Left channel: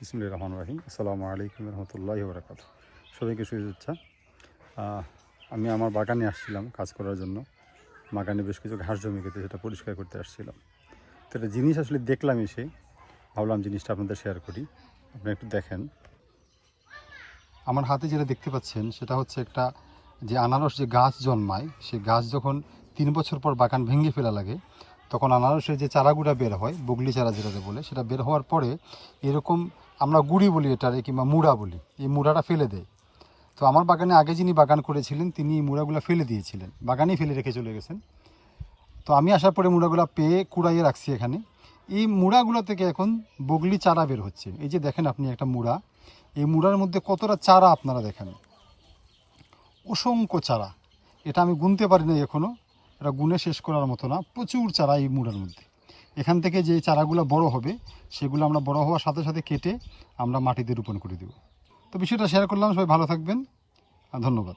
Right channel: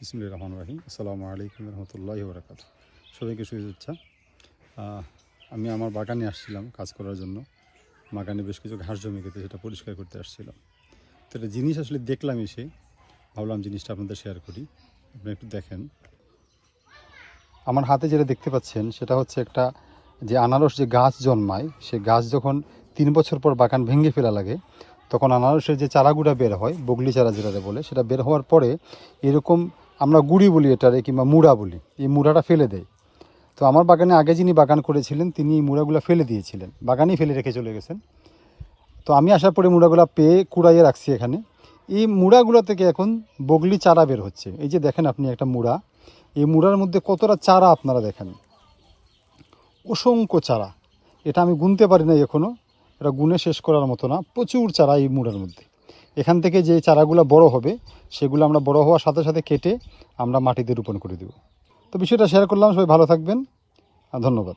বিসমিল্লাহির রহমানির রহিম। আসসালামু আলাইকুম রহমতুল্লাহি ওয়া বারাকাতুহু। সবাইকে শুভেচ্ছা। আমি আমার বাগানে আসছিলাম কাজ করার জন্য। বাগানে বেশ কিছু ঘাস জমে গেছে, সেটা পরিষ্কার করতে আসছিলাম। তো একটা জিনিস আসলে দেখলাম এসে, ভাবলাম জিনিসটা আপনাদের শেয়ার করি। আপনি একটু দেখেন। আমার হাতে যেটা দেখতে পাচ্ছেন সেটা হচ্ছে একটা যে আনারস যে গাছ জন্মায়, সে গাছ যখন 3 বছর পর বাগান ভেঙে ফেলা লাগে, তখন আনারসের যে চারাগুলো বের হয়, বগলি চারা যেটা বলে, সেটা বের হওয়ার পরে এরকম আমরা গুড়ি বলি এটারে, কিংবা মুড়া বলি, এই মুড়াটা ফেলে দেয়। তো আমার বাগানে আগে যিনি বাগান করেছিলেন তিনি এই মুড়াগুলো ফেলে দিয়েছিলেন, বাগানেই ফেলে রেখে চলে গেছেন। তো আমি আসার পরে মুড়াগুলো পেয়ে কুড়াইয়ে রাখছি এখানে। এই মুড়াগুলো থেকে এখন বগলি চারা বের হচ্ছে। এই যে দেখেন আপনি একটা মুড়া, এই মুড়ার মধ্যে কতটা চারা আপনারা দেখেন, অসংখ্য চারা। এটা আমি গুনতে পারি না এখনো, এটা গুনে শেষ করার মতো না, প্রচুর চারা এই মুড়ার মধ্যে। এখান থেকে যে চারাগুলো বড় হবে, সেগুলো আমরা বড় হওয়ার সাথে সাথে কেটে আমরা মাটিতে রোপণ করে দেব। তো বিষয়টা শেয়ার করলাম, সবাই ভালো থাকবেন, ধন্যবাদ।